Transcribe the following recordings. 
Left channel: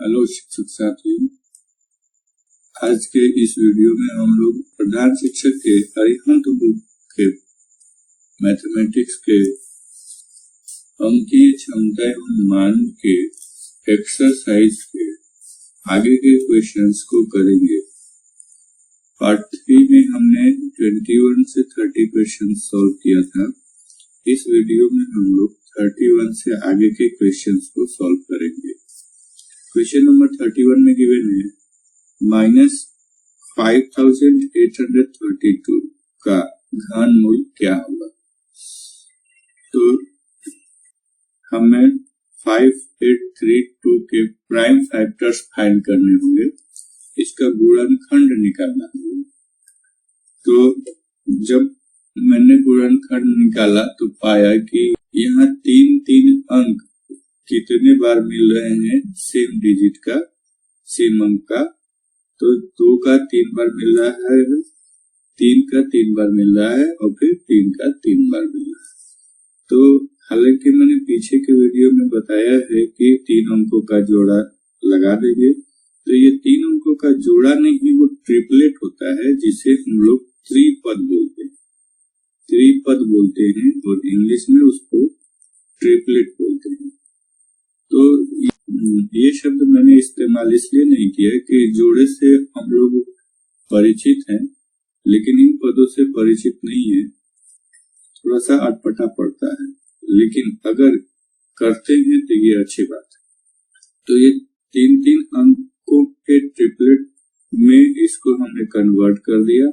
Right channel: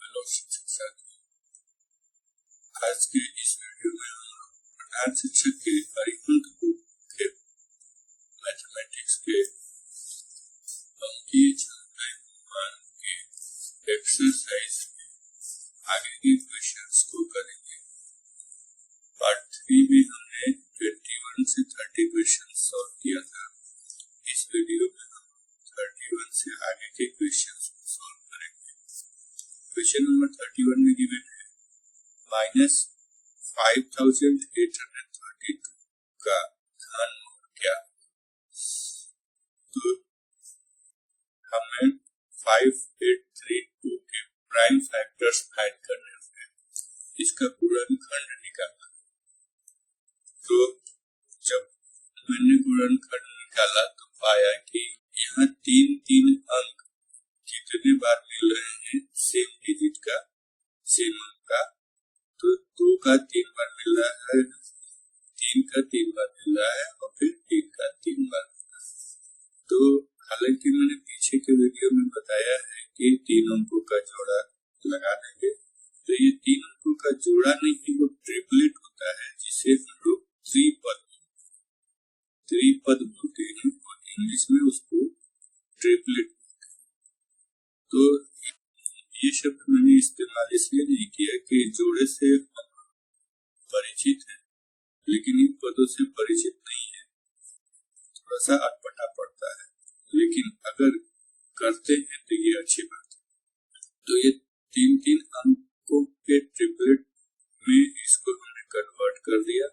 Hello शिक्षक साथियों, आज के इस वीडियो में हम लोग प्रधान शिक्षक के अरिहंत बुक के मैथमेटिक्स के अंकीय क्षमता एवं मान के एक्सरसाइज के आगे के क्वेश्चंस को करेंगे। पार्ट 3 में हमने 21 से 30 क्वेश्चन सॉल्व किया था। इस वीडियो में हम लोग 31 से आगे के क्वेश्चंस को सॉल्व करेंगे। क्वेश्चन नंबर 31 में गिवन है -5832 का घनमूल क्या होगा। तो हमें 5832 के प्राइम फैक्टर्स फाइंड करने होंगे, इसका गुणनखंड निकालना होगा। तो जब मैंने गुणनखंड निकाला तो पाया कि यहाँ 3 अंक कितने बार मिल रहे हैं सेम डिजिट का, सेम अंक का। तो 2 का 3 बार मिल रहा है, 3 का 3 बार मिल रहा है और फिर 3 का 3 बार मिल रहा है। तो हालांकि मैंने पीछे के वीडियो में बताया है कि 3 अंकों का जोड़ा लगा देंगे, तो ये 3 अंकों का जोड़ा नहीं, वो ट्रिपलेट होता है, जिसे हम लोग त्रिपद बोलते हैं और इंग्लिश में उसको ट्रिपलेट बोलते हैं। तो ये शब्द मैंने इस्तेमाल इसलिए नहीं किया कि जोड़े से हम लोग परिचित हैं, लेकिन इन पदों से परिचित नहीं है, थोड़ा सा अटपटा पड़ता है, लेकिन अगर करते हैं तो ये अच्छी बात है। तो ये 3 अंकों के ट्रिपलेट में इसको हमने कन्वर्ट कर दिया।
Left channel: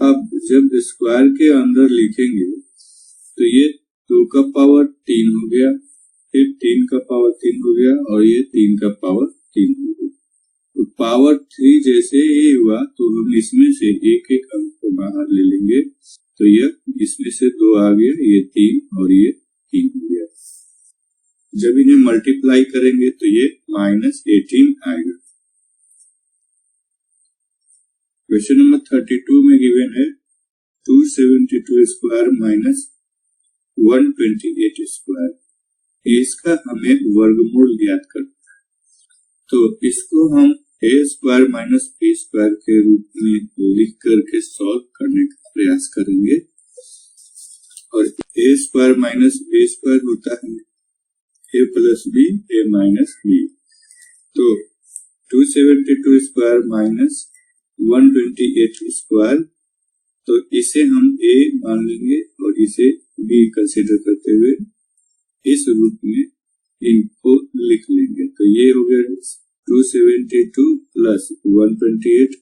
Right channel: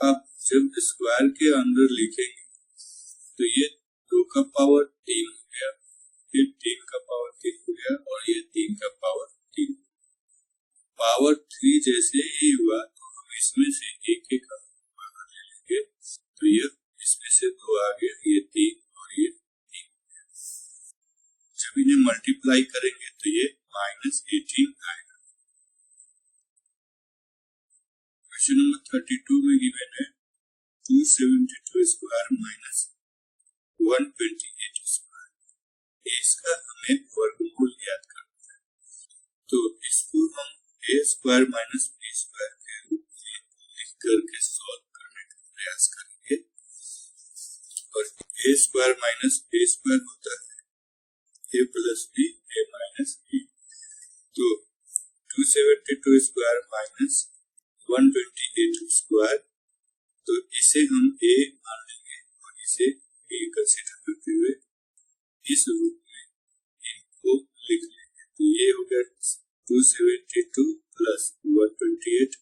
अब जब स्क्वायर के अंदर लिखेंगे तो ये 2 का पावर 3 हो गया, फिर 3 का पावर 3 हो गया और ये 3 का पावर 3 हो गया। तो पावर 3 जैसे ही हुआ तो हम इसमें से एक अंक को बाहर ले लेंगे, तो ये इसमें से 2 आ गया, ये 3 और ये 3 हो गया। जब इन्हें मल्टीप्लाई करेंगे तो ये -18 आएगा। क्वेश्चन नंबर 32 में गिवन है 272 स्क्वायर -128 स्क्वायर। इसका हमें वर्गमूल ज्ञात करना है। तो इसको हम a square minus b square के रूप में लिख करके सॉल्व करने का प्रयास करेंगे। और a square minus b square होता है a plus b, a minus b। तो 272 स्क्वायर माइनस 128 स्क्वायर, तो इसे हम a मान लेंगे और इसे b कंसीडर करते हुए इस रूप में इनको लिख लेंगे। तो ये हो गया 272 प्लस 128,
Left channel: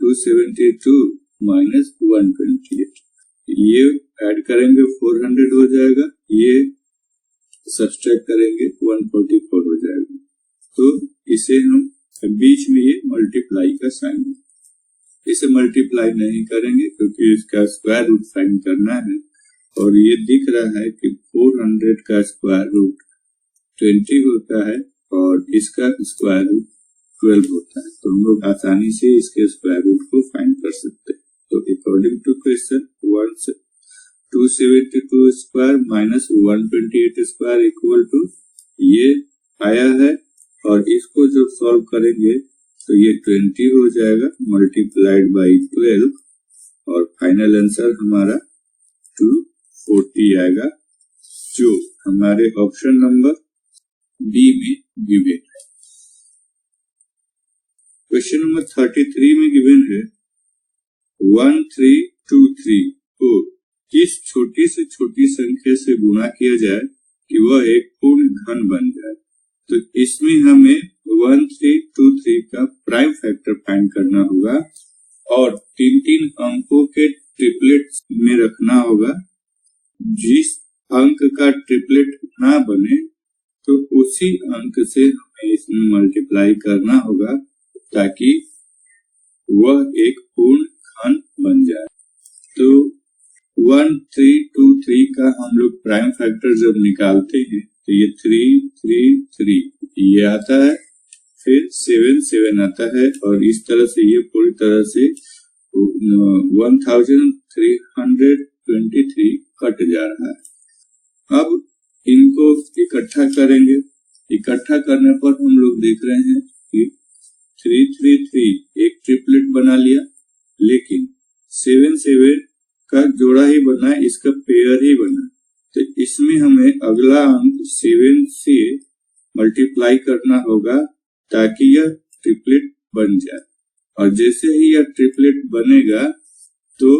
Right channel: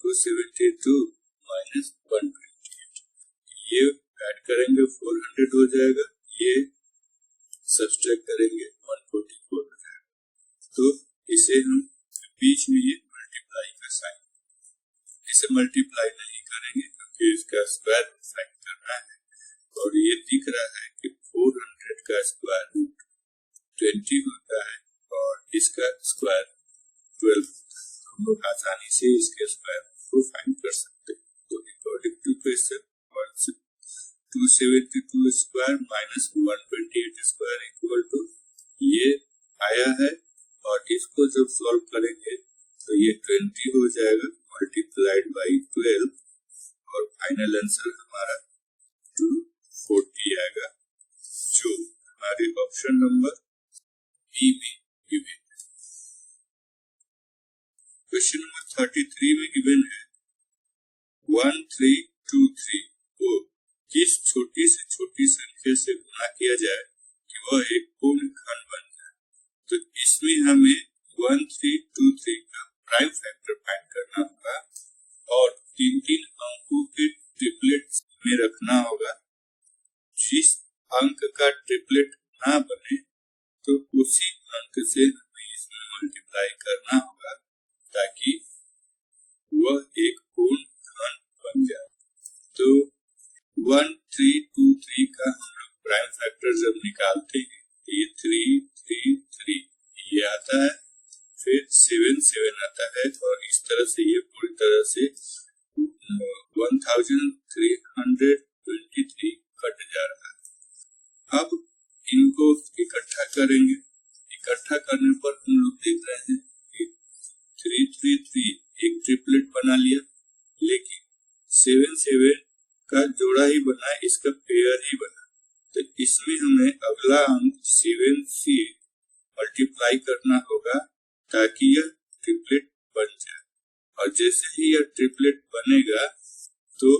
272 माइनस 128। ये ऐड करेंगे 400 हो जाएगा, ये सब्सट्रैक्ट करेंगे 144 हो जाएगा। तो इसे हम बीच में ये मल्टीप्लाई का साइन है, इसे मल्टीप्लाई नहीं करेंगे क्योंकि इसका स्क्वायर रूट फाइंड करना है। और ये दिख रहा है कि 400 का स्क्वायर रूट 20 होता है और इसका स्क्वायर रूट 12 होता है। तो हम लोग आसानी से इसके स्क्वायर रूट को फाइंड कर सकते हैं। तो according to question 272 square minus 128 square equal to ये आया है, और इसको जब सॉल्व करेंगे तो ये 20 हो जाएगा मल्टीप्लाइड बाई 12 और फाइनल आंसर हमारा 240 आएगा, जो हमारे ऑप्शन नंबर बी में गिवन है। क्वेश्चन नंबर 33 में गिवन है 1323 को किस छोटी से छोटी संख्या से गुणा किया जाए कि वह एक पूर्ण घन बन जाए। तो इसमें हमें 1323 का प्राइम फैक्टर फाइंड करना होगा और 3 अंकों के ट्रिपलेट में रखना होगा। जिस अंक का ट्रिपलेट ना बने तो उसी अंक से हमें इसमें मल्टीप्लाई करना होगा ताकि वह एक पूर्ण घन बन जाए। तो 1323 का हम लोग प्राइम फैक्टर जब निकालते हैं तो ये 333 ये आता है, फिर 7 आता है और इस तरह से ये पूरी तरह से 1323 कट जा रहा है। अब इनको इकट्ठा करेंगे इकट्ठा करने पर हम लोग देख रहे हैं कि 333 एक ट्रिपलेट बना लिया, लेकिन 77 का जोड़ा ही बना, इसका पेयर ही बना। तो इसमें हमें अगला अंक 7 से मल्टीप्लाई करना होगा ताकि यह ट्रिपलेट बन जाए। और जैसे ही यह ट्रिपलेट बनेगा तो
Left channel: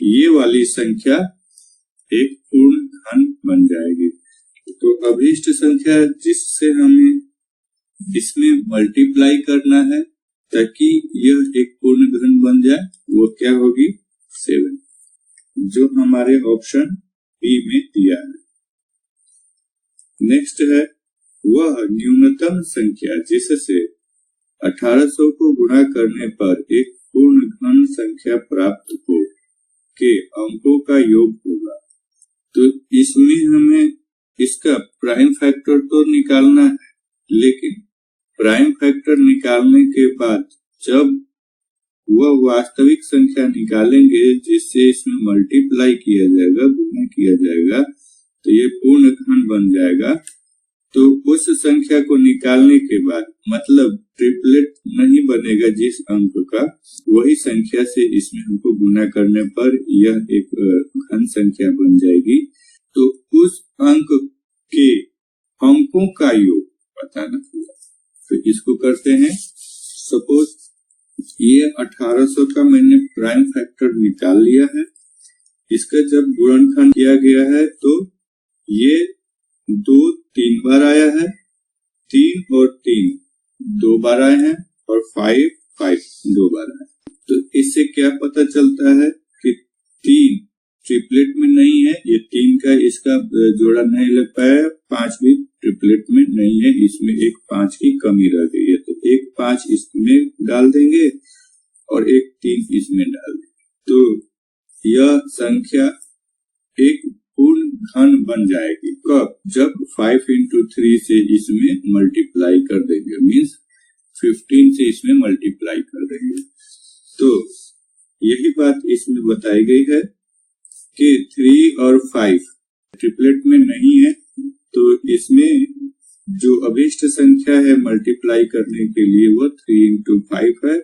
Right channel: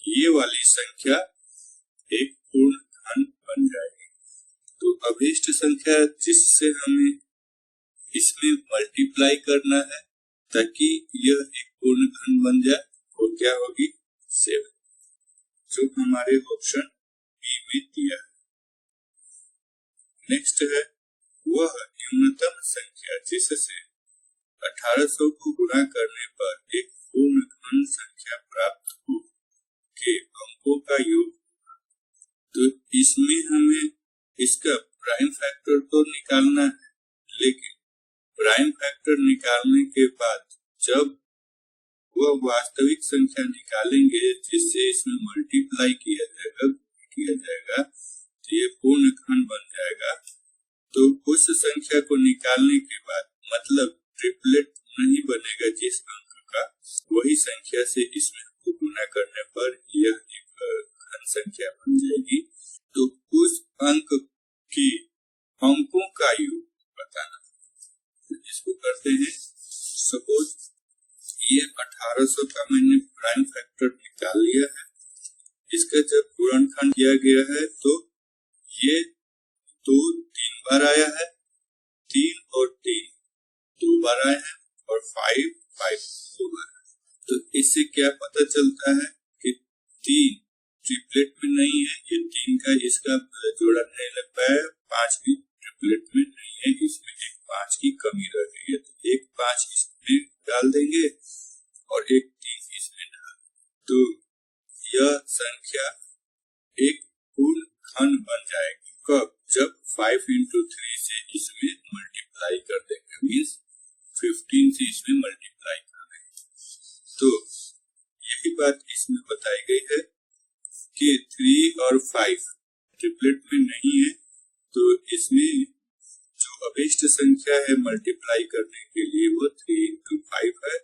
ये वाली संख्या एक पूर्ण घन बन जाएगी। तो अभीष्ट संख्या जिससे हमें इसमें मल्टीप्लाई करना है ताकि यह एक पूर्ण घन बन जाए, वो क्या होगी? 7, जो हमारे ऑप्शन बी में दिया है। नेक्स्ट है वह न्यूनतम संख्या जिससे 1800 को गुणा करने पर एक पूर्ण घन संख्या प्राप्त हो के अंकों का योग होगा। तो इसमें हमें इसका प्राइम फैक्टर तो निकालना है, लेकिन प्राइम फैक्टर निकालने के बाद जब वह वास्तविक संख्या निकालेंगे जिससे इसमें मल्टीप्लाई किया जाएगा, गुणा किया जाएगा, तो ये पूर्ण घन बन जाएगा। तो उस संख्या को निकालने के बाद मतलब ट्रिपलेट नहीं बनेगा जिस अंक का, वही संख्या से इसमें हमको गुणा करने पर यह एक घन संख्या बन जाएगी। तो उस अंक के अंकों का योग बताना होगा। तो इसको करते हैं। सपोज ये 1800 का मैंने प्राइम फैक्टर निकाल लिया है। इसका जब गुणनखंड किया गया है तो ये 2 3 बार आया है, 3 और 3 2 बार आए हैं, और 5 5 2 बार आए। तो इससे क्या पता चलता है कि 3 ट्रिपलेट में नहीं है, ये 3 का इसका जोड़ा नहीं लग पाया, 5 भी ट्रिपलेट में नहीं है, इसमें एक 5 की कमी रह गई है। तो एक 5 इसमें डाल देंगे और एक 3 इसमें डाल देंगे। तो यह संख्या एक पूर्ण घन बन जाएगी। कब? जब 5 into 3 से इसमें मल्टीप्लाई कर देंगे, मीन्स 15 से इसमें मल्टीप्लाई कर देंगे। तो यही बात इसमें बताई गई है कि 3 और 5 ट्रिपलेट में नहीं है, तो इसमें जो अभीष्ट संख्या है मल्टीप्लाई करने के लिए वो 3 into 5 है,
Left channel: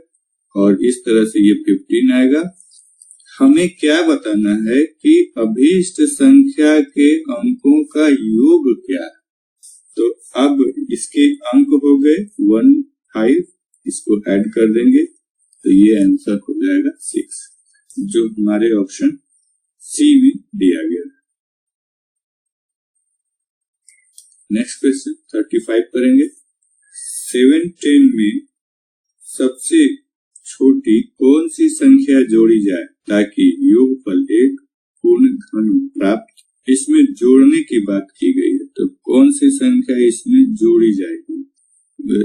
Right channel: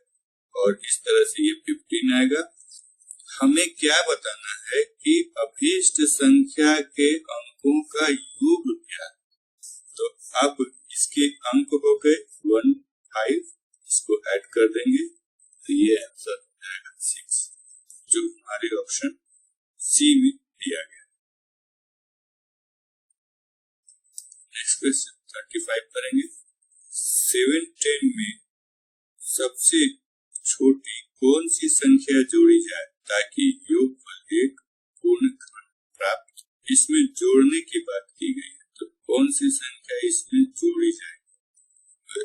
और इस तरह से ये 15 आएगा। हमें क्या बताना है कि अभीष्ट संख्या के अंकों का योग क्या है। तो अब इसके अंक हो गए 1 5, इसको ऐड कर देंगे तो ये आंसर हो जाएगा 6, जो हमारे ऑप्शन सी में दिया गया। नेक्स्ट क्वेश्चन 35 करेंगे। 7 10 में सबसे छोटी कौन सी संख्या जोड़ी जाए ताकि योगफल एक पूर्ण घन प्राप्त। इसमें जोड़ने की बात की गई है, तो कौन सी संख्या इसमें जोड़ी जाएगी?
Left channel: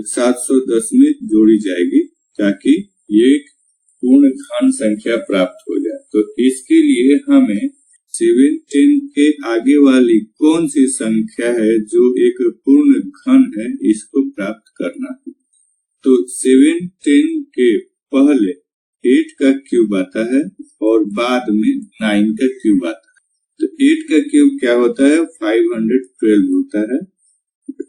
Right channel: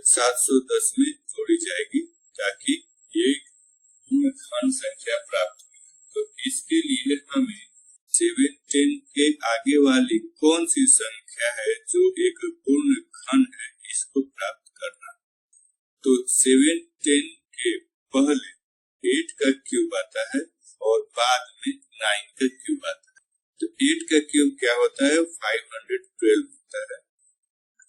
710 में जोड़ी जाएगी ताकि ये एक पूर्ण घन संख्या प्राप्त हो जाए। तो इसके लिए हमें 7 10 के आगे वाली कौन सी संख्या है जो एक पूर्ण घन है, इसको प्राप्त करना है। तो 7 10 के पहले 8 का क्यूब आता है और बाद में 9 का क्यूब आता है। तो 8 का क्यूब क्या होता है? 512 होता है।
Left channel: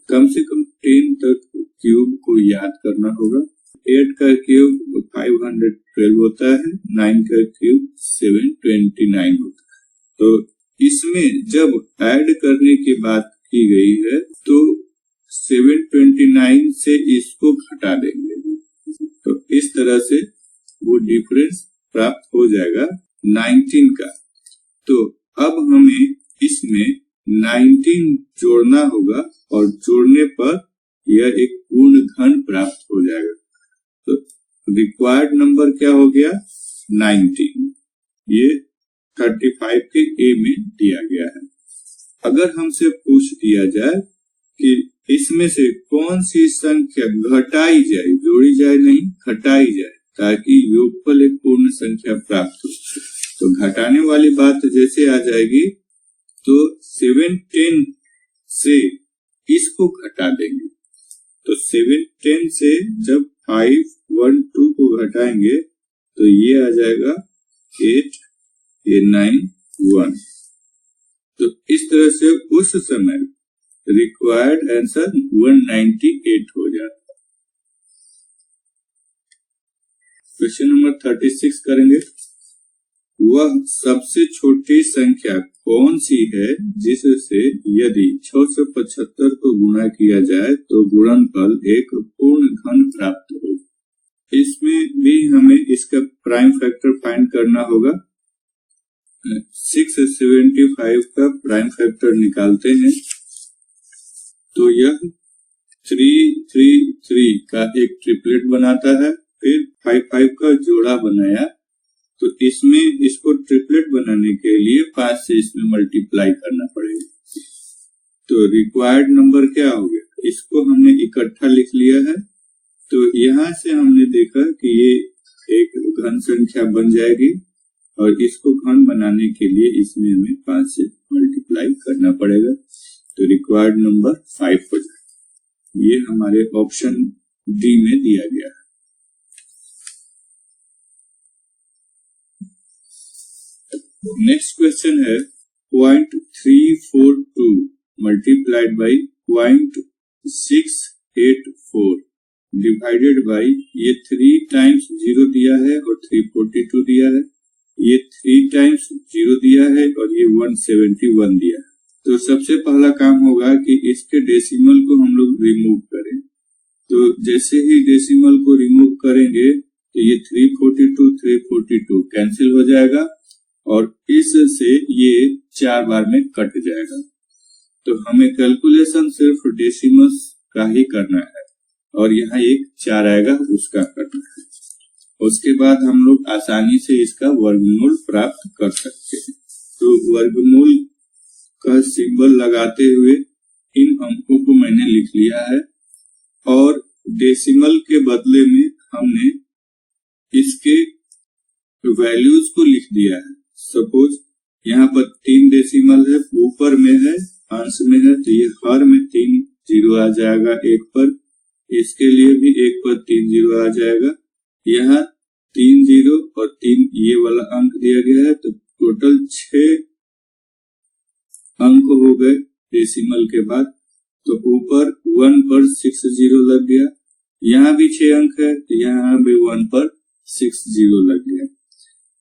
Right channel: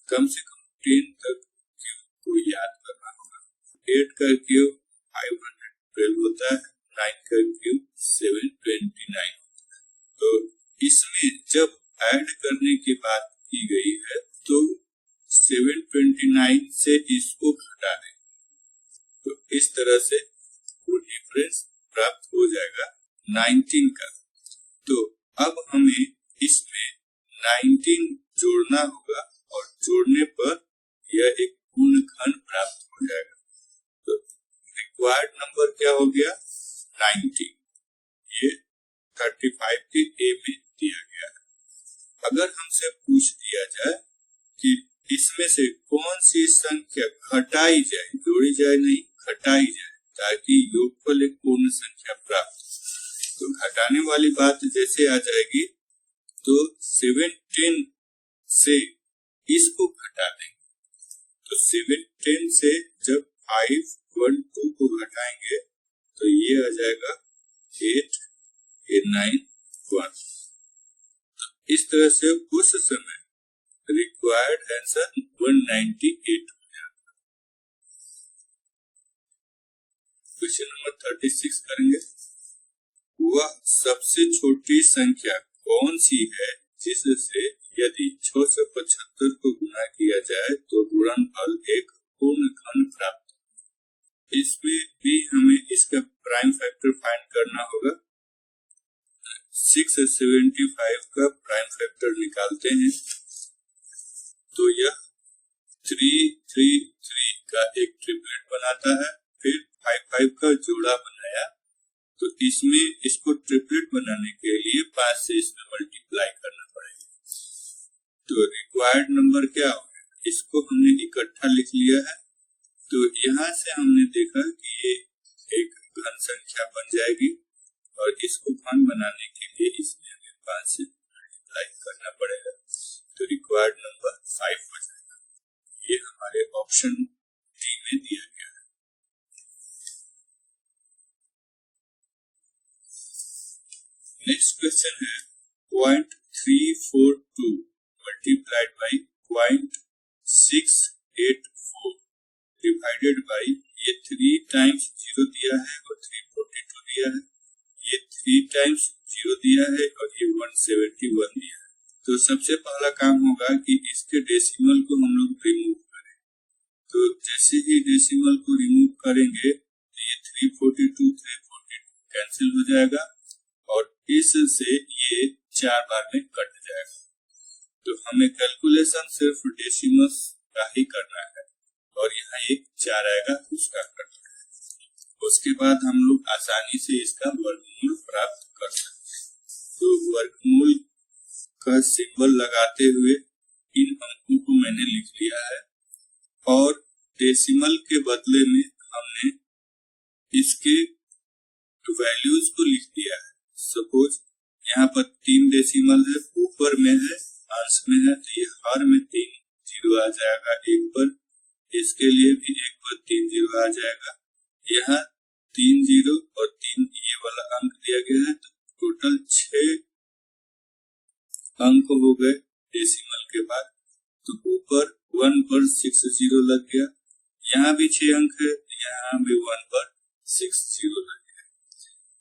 कम से कम 10 तक क्यूब को याद करना होगा। 8 का क्यूब 512 होता है, 9 का क्यूब 729 होता है। तो इसमें जब ऐड करने की बात की गई है तो 729 से इसको घटा देंगे, तो इस तरह से वो डिफरेंस प्राप्त हो जाएगा 19 का। तो अब हमें इसमें 19 जोड़ना होगा और जोड़ने पर यह एक पूर्ण घन प्राप्त हो जाएगा। तो रिक्वायर्ड नंबर क्या हो गया? 19। ये 35 के ए में दिया गया है। अगर हमसे पूछ दिया जाए कि इसमें से कौन सी संख्या घटाई जाए, जोड़ी जाए नहीं, घटाई जाए ताकि योगफल एक पूर्ण संख्या प्राप्त हो, तो घटाने वाली बात जैसे आ जाएगी तो 7 10 से इसको घटा देंगे। तो 7 10 से जब 5 1 2 को घटाएंगे तो ये आ जाएगा 8 9 1। तो इस तरह से उस समय रिक्वायर्ड आंसर 198 हो जाता। क्वेश्चन नंबर 36 करेंगे। वह सबसे छोटी संख्या कौन सी है जिससे यदि 675 को गुणा किया जाए तो गुणनफल एक पूर्ण घन प्राप्त हो। इसमें भी हमें इसका प्राइम फैक्टर फाइंड करना होगा। 675 का प्राइम फैक्टर निकालते हैं तो यह 333 का एक ट्रिपलेट बनाता है। फिर 55 का जोड़ा बनाया तो इसमें इसको ट्रिपलेट बनाने के लिए 5 से इसमें मल्टीप्लाई करना पड़ेगा। तो रिक्वायर्ड नंबर क्या हो गया, इसको हमने इकट्ठा लिख लिया है। तो यहाँ से हमने देखा कि ये एक घन संख्या बन जाएगी और इसको घन बनाने के लिए इसमें हमें 5 से मल्टीप्लाई करना पड़ेगा। तो रिक्वायर्ड नंबर 5 हो जाएगा। ये हमारे ऑप्शन डी में दिया गया है। नेक्स्ट क्वेश्चन है 0.342 मल्टीप्लाइड बाई 0.684 डिवाइडेड बाई, ये 3 टाइम्स 0 दिया है और 342 दिया है, ये 3 टाइम्स 0 दिया है और ये 171 दिया है। तो सबसे पहला काम होगा कि इसके डेसिमल को हम लोग रिमूव करें। तो जैसे ही डेसिमल को रिमूव करेंगे तो ये 342 कैंसिल हो जाएगा और इससे ये 4 बार में कट जाएगा। तो हमें कैलकुलेशन सिर्फ डेसिमल्स का ही करना है और यहाँ एक 4 आएगा उसका करना है। उसके बाद हम लोग आसानी से इसका वर्गमूल प्राप्त कर सकते हैं। तो वर्गमूल का सिंबल लगाते हुए इन अंकों को मैंने लिख लिया है और डेसिमल के बदले में हमने इसके वैल्यूज को लिख दिया है। सपोज यहाँ पर 3 डेसिमल है, ऊपर में है, अंश में है, तो ये हर में 3 जीरो आ जाएगा एक पर, इसके लिए भी एक पर 3 जीरो आ जाएगा। यहाँ 3 जीरो और 3 ये वाला अंक दिया गया है, तो टोटल 6 अंक हो गए डेसिमल के बाद। तो ऊपर 1 पर 6 जीरो लग गया, यहाँ भी 6 अंक है तो यहाँ भी 1 पर 6 जीरो लग गया।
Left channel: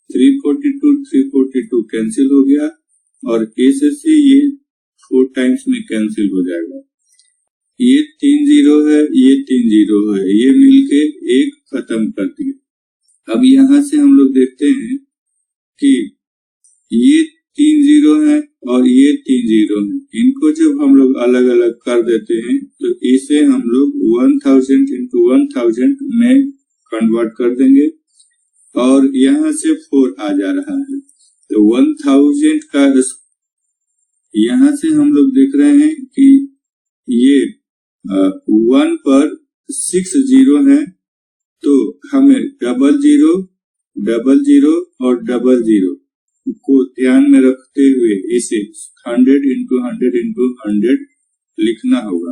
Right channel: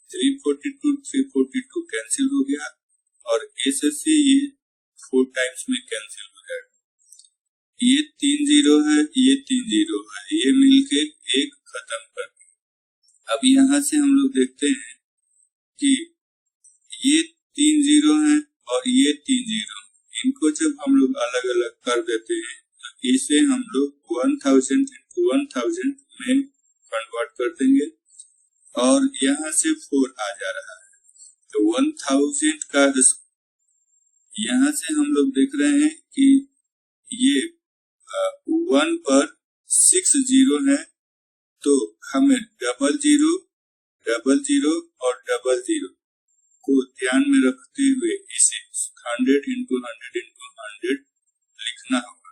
342 कैंसिल हो गया और ऐसे से ये 4 टाइम्स में कैंसिल हो जाएगा। ये 3 जीरो है, ये 3 जीरो है, ये मिलके एक खत्म कर दिया। अब यहाँ से हम लोग देखते हैं कि ये 3 जीरो है और ये 3 जीरो है, इनको जब हम लोग अलग अलग कर देते हैं तो इसे हम लोग 1000 into 1000 में कन्वर्ट कर देंगे और यहाँ से 4 आ जा रहा है। तो 1000 का यहाँ से हम लोग देख रहे हैं कि ये 1 पर 6 जीरो है, तो हमें डबल जीरो और डबल जीरो को ध्यान में रखते हुए इसे 100 into 100 into 100 लिखना होगा।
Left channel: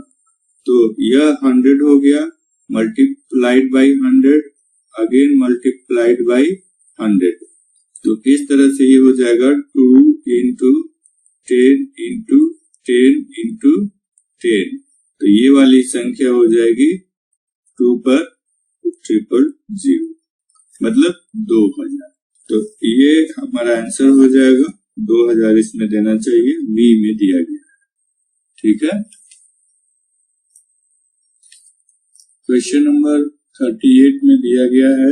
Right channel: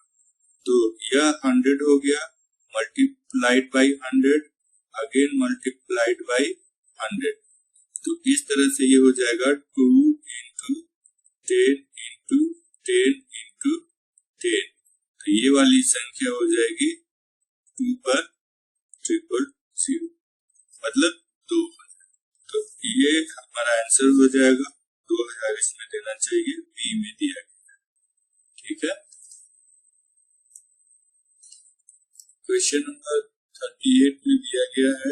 तो यह 100 हो गया, multiplied by 100, again multiplied by 100। तो इस तरह से ये हो जाएगा 2 into 10 into 10 into 10। तो ये वाली संख्या हो जाएगी 2 पर 000, मतलब 2000। तो ये हमारा आंसर हो जाएगा 2000, इसमें देना चाहिए, बी में दिया गया। ठीक है। क्वेश्चन नंबर 38 में दिया गया है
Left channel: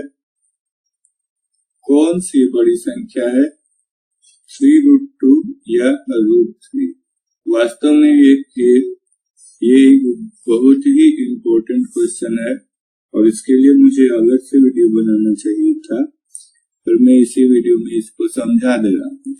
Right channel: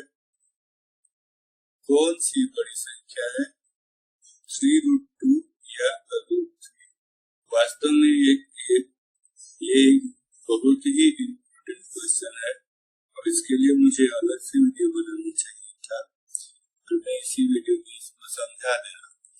कौन सी बड़ी संख्या है 3√2 या √3। वास्तव में ये बहुत ही इम्पोर्टेंट क्वेश्चन है और इसके लिए मुझे अलग से वीडियो बनाना चाहिए था, पर मैं इसी वीडियो में इसको समझा दे रहा हूँ।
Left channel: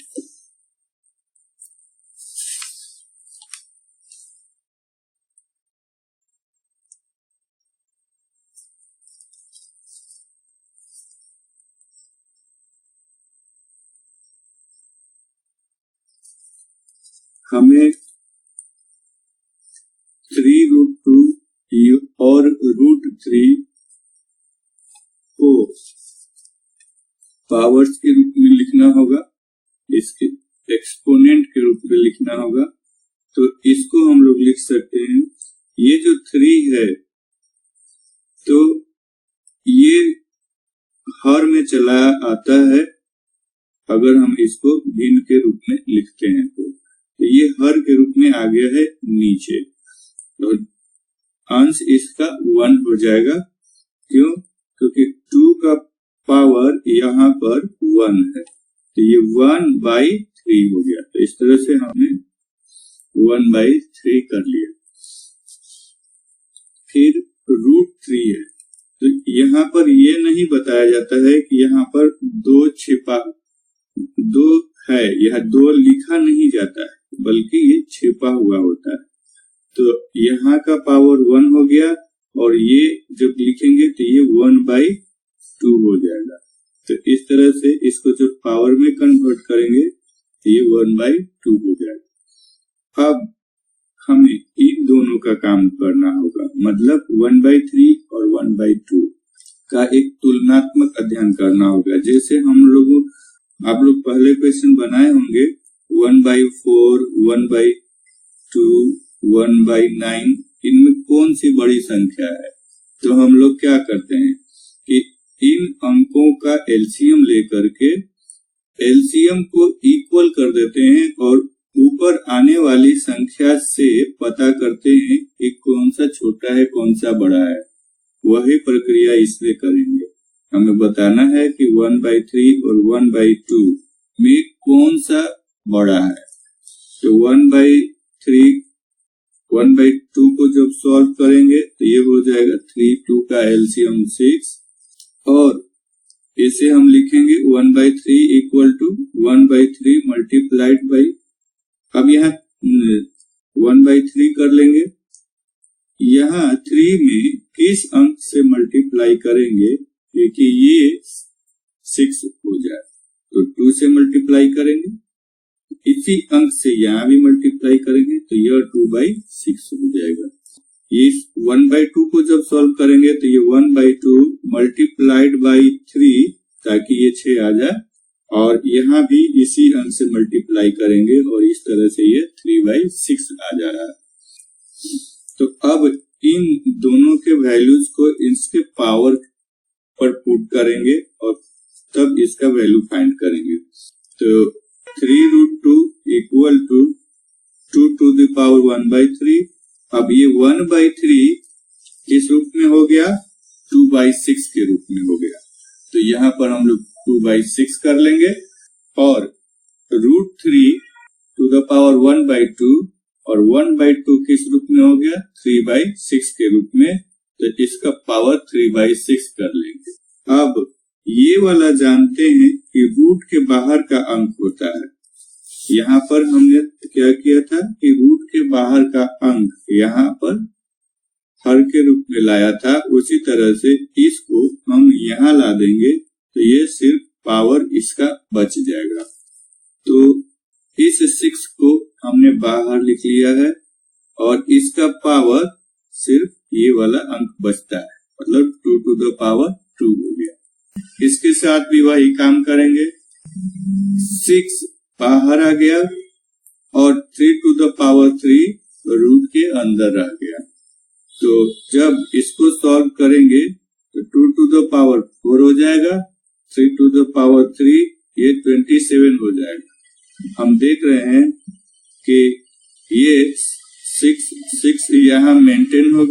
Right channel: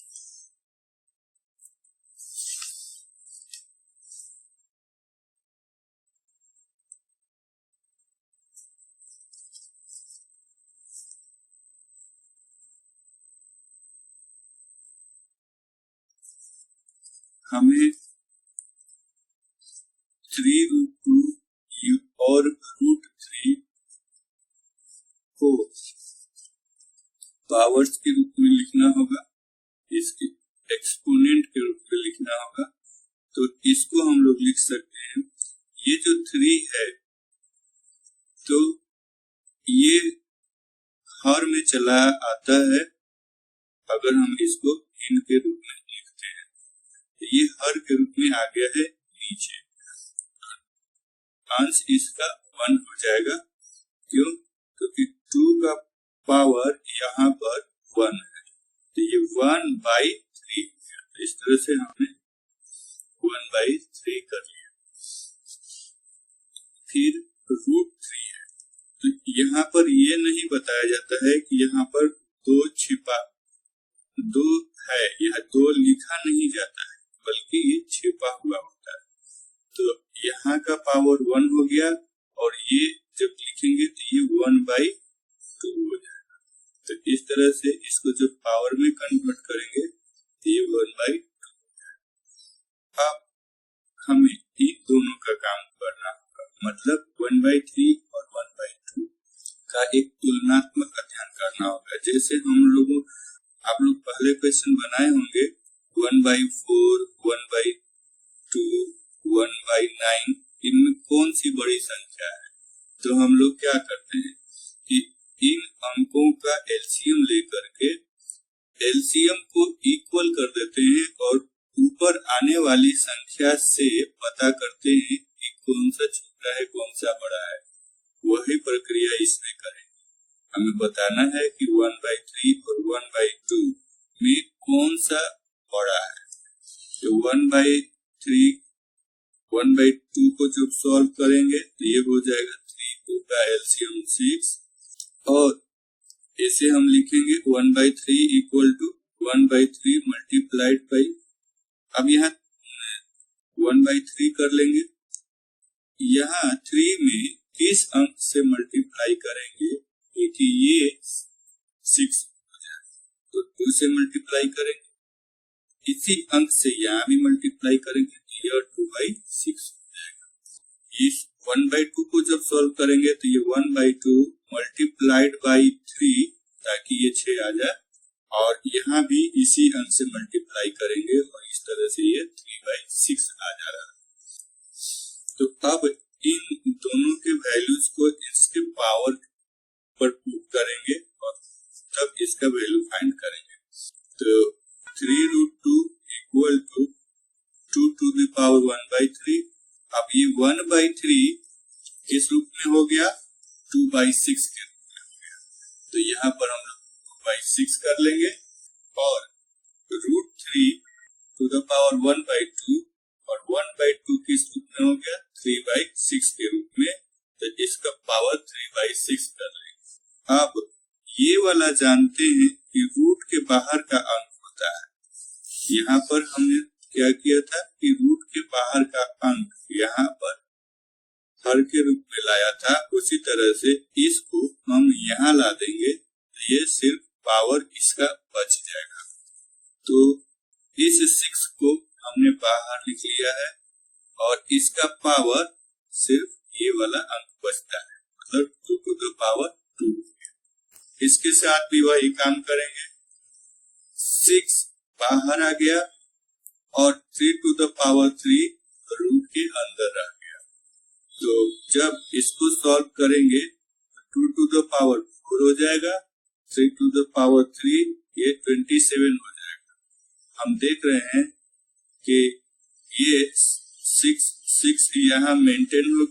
हमें 3√2 और √3 को पावर्स के रूप में लिखना होगा, इसके एक्सपोनेंट के रूप में लिखना होगा। तो इसको हम लोग लिख सकते हैं, ये जो 3 है तो ये हर में चला आता है अगर हम इसको भिन्न के रूप में लिखते हैं तो ये हर के रूप में आ गया है नीचे, और अंश इसका 1 हो जाएगा। क्यों? क्योंकि 2 का पावर यहाँ पर 1 है, तो ये 1/3 हो गया। तो इस तरह से हमने 1/3 कर लिया। फिर √3 है, तो यहाँ पर ये नहीं बताया जाता है कि यहाँ पर 2 है, यह 2 लिखा नहीं जाता है, बल्कि ये छिपा हुआ होता है। तो यहाँ का पावर 1 हो गया, और ये जब लिखेंगे तो ये 1/2 हो जाएगा। तो इस तरह से इसको जब पावर में कन्वर्ट करेंगे तो ये 1/2 हो जाएगा। अब हमें इन दोनों का काम करना होगा, मतलब 1/3 और 1/2 का एक तुलनात्मक अध्ययन करना होगा। जैसे आप लोग पहले क्वेश्चन बनाए होंगे 1/4, 1/2, 1/9, इनमें कौन सी बड़ी संख्या है? तो हम लोग क्या करते हैं कि इन अंकों का एलसीएम लेकर के एलसीएम को इक्वल कर देते हैं और ऊपर आने वाली संख्या से पता करते हैं कि कौन सा छोटा है कौन सा बड़ा है। वही प्रक्रिया इसमें करेंगे। हमें बताना है कि 1/3 और 1/2 में कौन सा बड़ा है। तो 1/2 को जब सॉल्व करेंगे तो ये हो जाएगा 3, 2 का एलसीएम 6, और इसे हम लिखेंगे 1/3 इक्वल टू 1/3 मल्टीप्लाइड बाई, अब यहाँ 1/3 कर लेंगे, यहाँ 3 में किस अंक से मल्टीप्लाई करेंगे कि ये 6 हो जाए, तो 2 से मल्टीप्लाई करेंगे, इसी अंक से यहाँ भी मल्टीप्लाई करेंगे तो यह 2/6 हो जाएगा। ये 1/2 को जब सॉल्व करेंगे तो ये 1/2 मल्टीप्लाइड बाई 3, ताकि ये 6 आ जाए, और यहाँ भी इसी अंक से मल्टीप्लाई करेंगे और इस तरह से ये 3/6 आ जा रहा है। तो अब इन दोनों के वैल्यूज को इसके पावर पर पुट करेंगे और तब इसका वैल्यू फाइंड करेंगे। तो 3√2 equal to 2 to the power 1/3। अब ये 1/3 किस रूप में हो गया? 2/6 के रूप में हो गया। तो यहाँ पर हम लोग 2/6 कर लेंगे, और √3 to the power 1/2, और 1/2 किस रूप में हो गया? 3/6 के रूप में, तो इसका पावर 3/6 कर लेंगे। अब ये वाला जानते हैं कि रूट के बाहर का अंक होता है। यहाँ पर हमने क्या किया था कि रूट के बाहर का अंक यहाँ पर हर के रूप में लाया था, उसी तरह से इसको हम यहाँ ला देंगे तो ये सिर्फ पावर इसका बच जाएगा। तो इस 6 को हमने बाहर लिख लिया है और इसका पावर सिर्फ ये वाला अंक बचता है, मतलब 2 to the power 2 हो गया। इसके साथ भी वही काम करेंगे। 6 बाहर आ गया और 3 to the power 3 रूट के अंदर रह गया। तो जब इसको सॉल्व करेंगे तो 2 to the power 4 हो जाएगा, 3 to the power 3 ये 27 हो जाएगा। हम देख रहे हैं कि ये 6 यहाँ मेंटेन हो,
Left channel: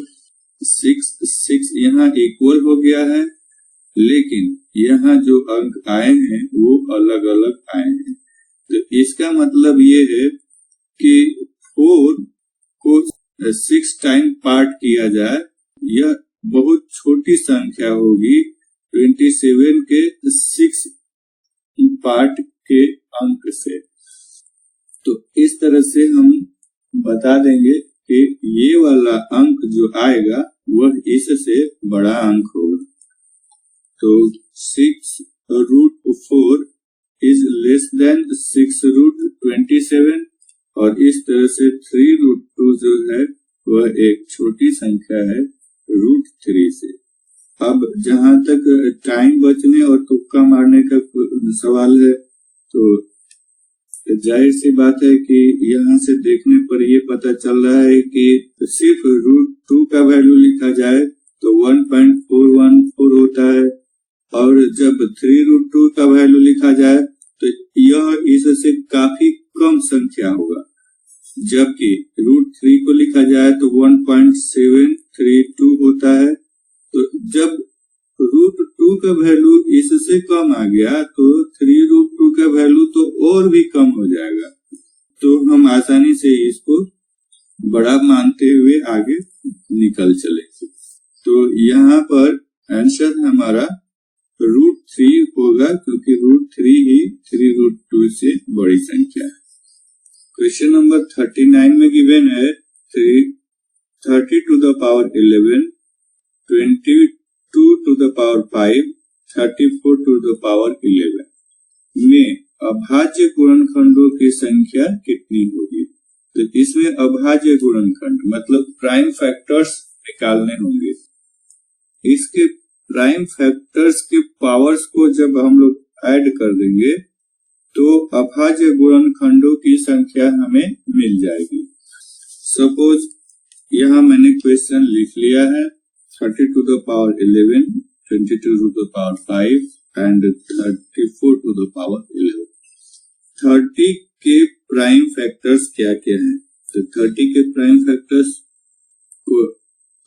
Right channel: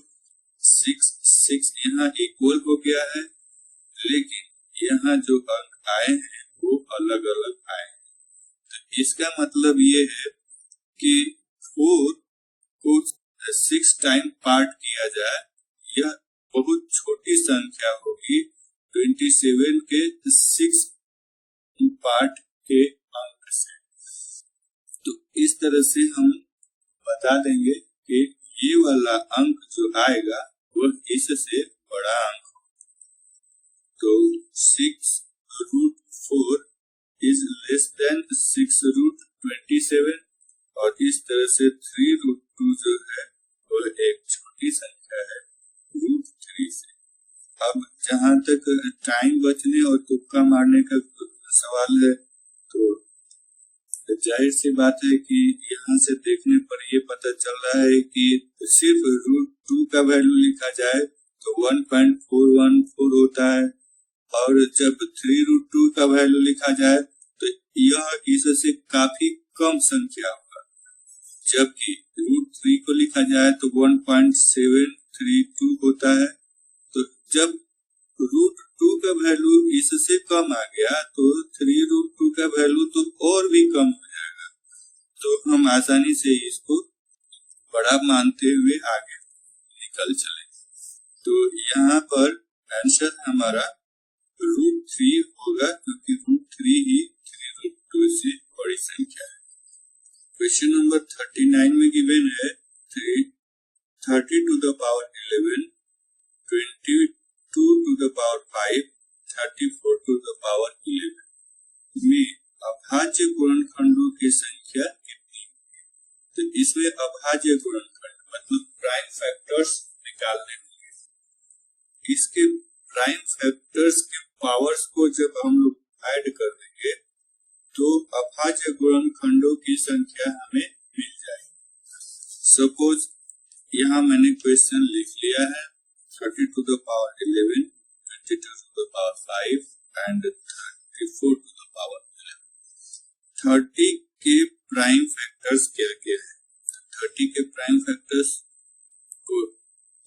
6 यहाँ इक्वल हो गया है, लेकिन यहाँ जो अंक आए हैं वो अलग अलग आए हैं। तो इसका मतलब ये है कि 4 को 6 टाइम पार्ट किया जाए, यह बहुत छोटी संख्या होगी 27 के 6 पार्ट के अंक से। तो इस तरह से हम बता देंगे कि ये वाला अंक जो आएगा वह इससे बड़ा अंक होगा। तो 6√4 is less than 6√27, और इस तरह से 3√2 जो है वह एक छोटी संख्या है √3 से। अब जहां तक टाइम बचने और तुक्का मारने का सवाल है, तो तो जाहिर सी बात है कि यहाँ से देखने पर ये पता चल रहा है कि सिर्फ √2 का वैल्यू लिखा जाए तो 1.414 होता है, और जब 3√2 का वैल्यू लिखा जाए तो यह इससे काफी कम संख्या होगा, जबकि √3 को लिखा जाए तो 1.732 होता है। तो जब √2 का वैल्यू इससे कम आ गया तो 3√2 का वैल्यू तो और भी कम हो जाएगा। तो हम आसानी से इसको बड़ा मानते हुए आगे निकल चले। तो यहाँ पर आंसर हमारा √3 होगा, क्योंकि √3 ही 3√2 से बड़ी संख्या है। क्वेश्चन नंबर 39 में गिवन है 30 to the power 11, 22 to the power 5, 34 to the power 11 में अभाज्य गुणनखंडों की संख्या कितनी होगी। तो इसमें अभाज्य गुणनखंड मतलब प्राइम फैक्टर्स निकालने होंगे। इसके प्राइम फैक्टर्स के पावर्स को जब हम लोग ऐड कर देंगे तो अभाज्य गुणनखंडों की संख्या हमें मिल जाएगी। सपोज यहाँ मैंने क्वेश्चन लिख लिया है 30 to the power 11, 22 to the power 5 and 34 to the power 11। 30 के प्राइम फैक्टर्स क्या क्या हैं? तो 30 के प्राइम फैक्टर्स को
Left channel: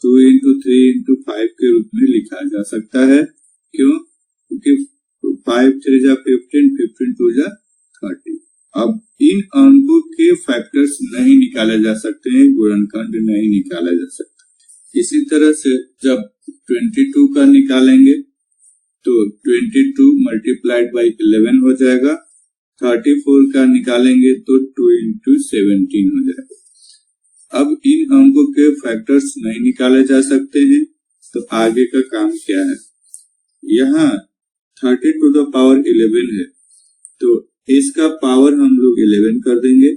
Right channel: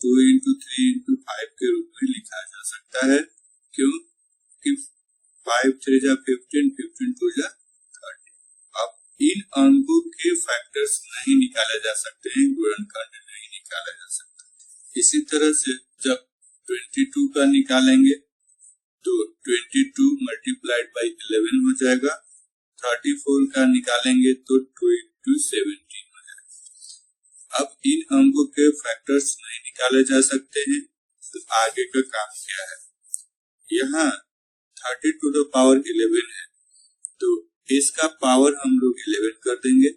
2 into 3 into 5 के रूप में लिखा जा सकता है। क्यों? क्योंकि 5 3 जा 15, 15 2 जा 30। अब इन अंकों के फैक्टर्स नहीं निकाले जा सकते हैं, गुणनखंड नहीं निकाला जा सकता। इसी तरह से जब 22 का निकालेंगे तो 22 मल्टीप्लाइड बाई 11 हो जाएगा। 34 का निकालेंगे तो 2 into 17 हो जाएगा। अब इन अंकों के फैक्टर्स नहीं निकाले जा सकते हैं, तो आगे का काम क्या है? यहाँ 30 to the power 11 है, तो इसका पावर हम लोग 11 कर देंगे,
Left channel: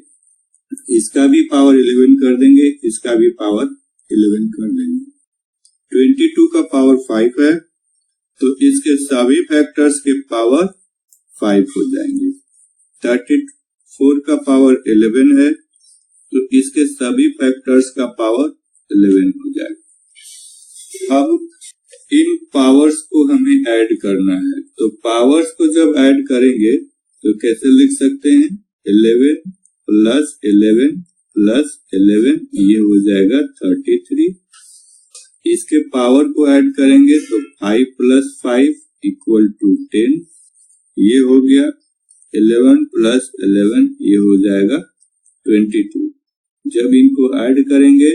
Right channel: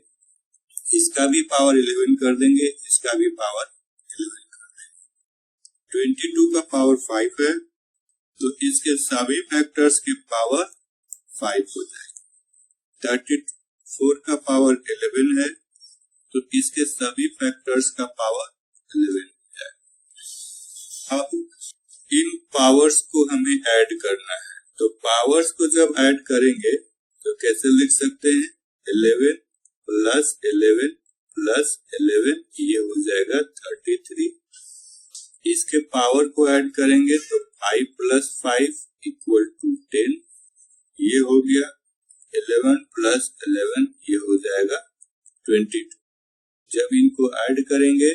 इसका भी पावर 11 कर देंगे, इसका भी पावर 11 कर देंगे। 22 का पावर 5 है, तो इसके सभी फैक्टर्स के पावर 5 हो जाएंगे। 34 का पावर 11 है, तो इसके सभी फैक्टर्स का पावर 11 हो जाएगा। अब इन पावर्स को हमें ऐड करना है, तो पावर्स को जब ऐड करेंगे तो कैसे लिख सकते हैं? 11 प्लस 11 प्लस 11 ये हो जाएगा 33। इसके पावर को ऐड करेंगे तो 5 प्लस 5 इक्वल टू 10 ये हो गया। 11 प्लस 11 ये हो जाएगा 22। जब इनको ऐड करेंगे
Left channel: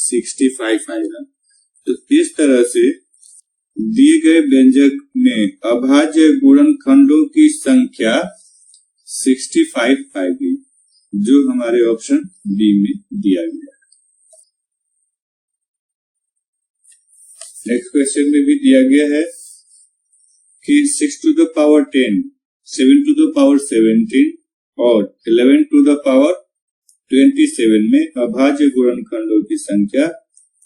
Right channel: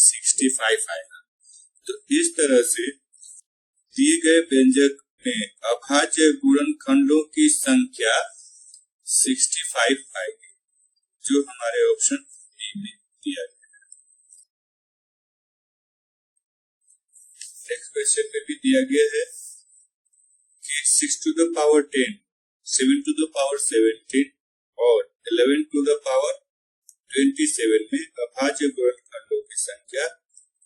65 आएगा। तो इस तरह से दिए गए व्यंजक में अभाज्य गुणनखंडों की संख्या 65 आएगी, जो हमारे ऑप्शन बी में दिया गया है। नेक्स्ट क्वेश्चन में भी दिया गया है कि 6 to the power 10, 7 to the power 17 और 11 to the power 27 में अभाज्य गुणनखंडों की संख्या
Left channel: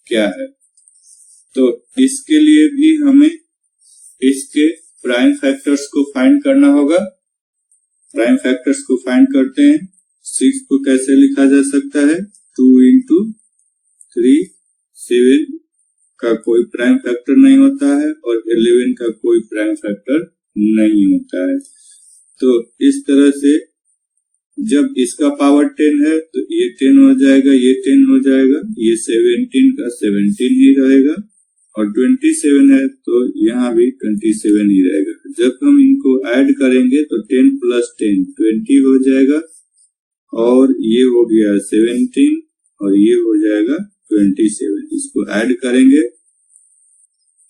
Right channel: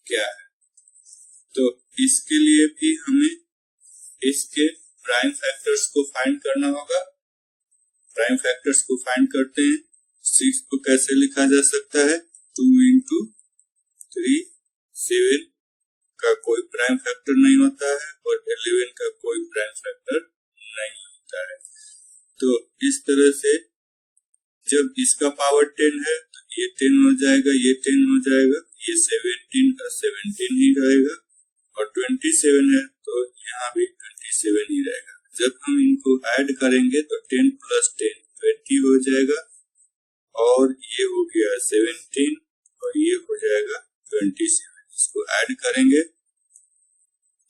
क्या है। तो इसके लिए भी हमें इसके प्राइम फैक्टर्स को फाइंड करना होगा। प्राइम फैक्टर्स को फाइंड करते हैं। 6 को कैसे लिखा जा सकता है? 2 into 3, 7 का कोई प्राइम फैक्टर नहीं होता है और 11 का कोई प्राइम फैक्टर नहीं होता है। तो इस तरह से जब इसका पावर 10 है तो ये 10 हो जाएगा, ये 10 हो जाएगा, ये 17 का 17 ही रहेगा और 27 है तो यहाँ भी 27 ही रहेगा। जब हम इनको ऐड करेंगे तो 10 प्लस 10 20 हो जाएगा और ये हो गया 17 और ये हो जाएगा 27। इसको ऐड करेंगे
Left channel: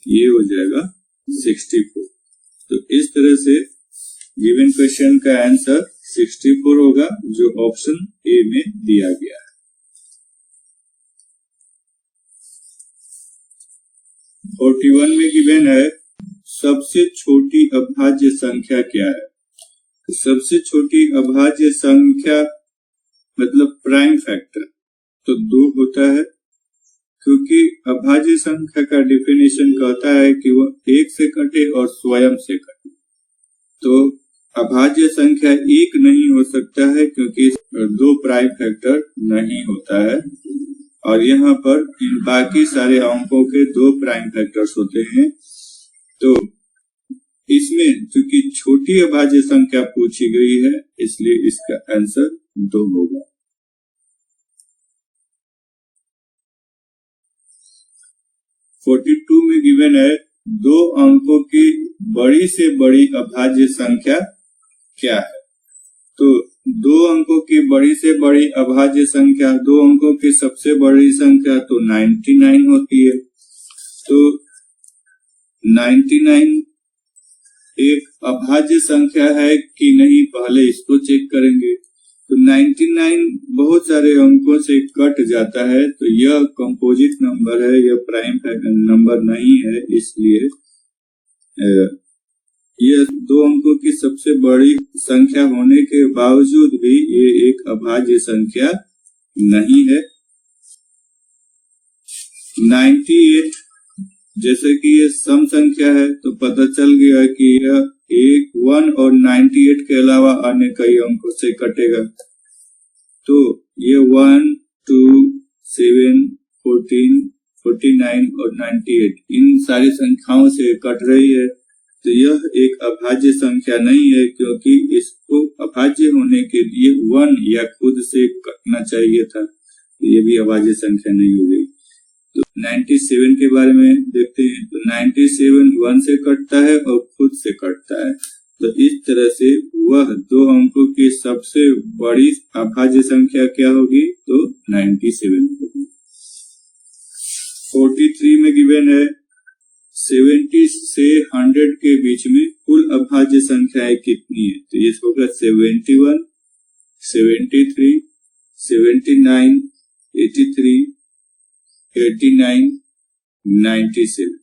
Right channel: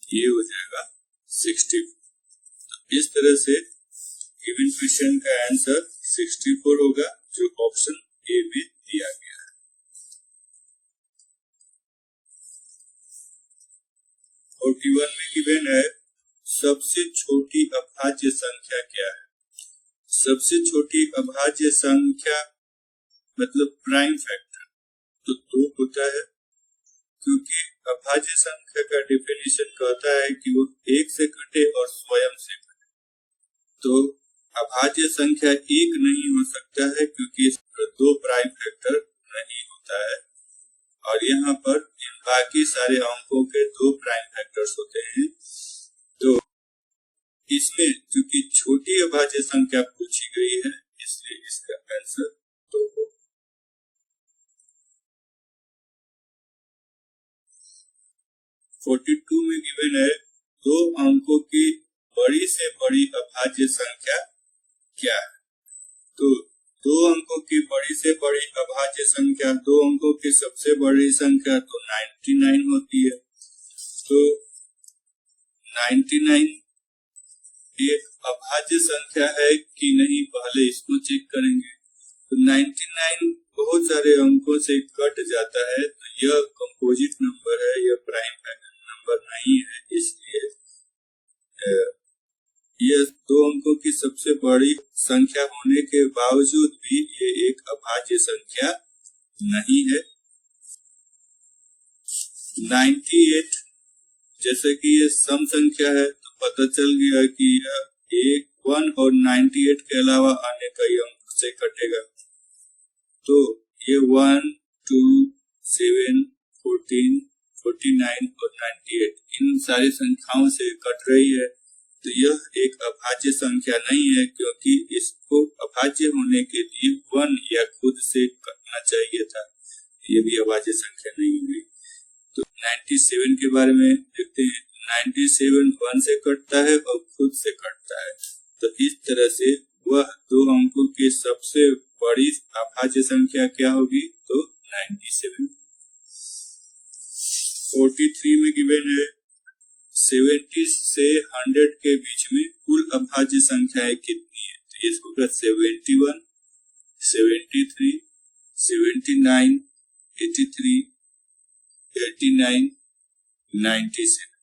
ये हो जाएगा 64। तो इस तरह से गिवन क्वेश्चन का आंसर 64 होगा, जो ऑप्शन ए में दिया गया है। और 41 में गिवन है सबसे छोटी अभाज्य संख्या क्या है। सबसे छोटी अभाज्य संख्या मतलब प्राइम फैक्टर तो 2 होता है, क्योंकि अभाज्य संख्या का डेफिनेशन कहता है कि वह 1 से कटे और स्वयं से कटे। तो अभाज्य संख्या एक नहीं हो सकता है क्योंकि दो प्राइम फैक्टर नहीं होता है, और यहाँ पर इन बाकी सारे अंकों के दो प्राइम फैक्टर्स होते हैं। तो इसमें चूंकि छोटी अभाज्य संख्या पूछी गई है इसलिए इसका आंसर 2 होगा। (42) में गिवन है दो अंकों की बड़ी से बड़ी अभाज्य संख्या क्या है। तो दो अंकों की बड़ी से बड़ी अभाज्य संख्या, दो अंकों की सबसे बड़ी संख्या तो 99 होती है। तो 99 एक अभाज्य संख्या है कि नहीं, पहले इसको चेक करेंगे। तो 99 बहुत सारे अंकों से कट जाता है, तो यह कंपोजिट नंबर है, यह प्राइम नंबर नहीं है, इसलिए यह दो अंकों की सबसे बड़ी संख्या होने के बावजूद भी ये एक अभाज्य संख्या नहीं है। 98 जैसे कि ये सम संख्या है तो पता चल गया कि यह 1 और 98 के अलावा अन्य कई अंकों से कटेगा। तो ये 1, 2, 7, 14, 49 और 98 इन सारी संख्याओं से कट रही है। तो यह एक अभाज्य संख्या नहीं है क्योंकि इसको अभाज्य होने के लिए 1 या खुद से कटना चाहिए था, तो ये भी अभाज्य संख्या नहीं हो गई। तो 97 के बारे में देखते हैं। तो 97 1 से कटता है और खुद से कटता है, तो इस तरह से वह दो अंकों की सबसे बड़ी अभाज्य संख्या क्या होगी, तो 97 होगी। 43 में गिवन है 70 से 100 के बीच में कुल अभाज्य संख्याएं कितनी है। तो ये होगा 71, 73, 79, 83, 89, 97।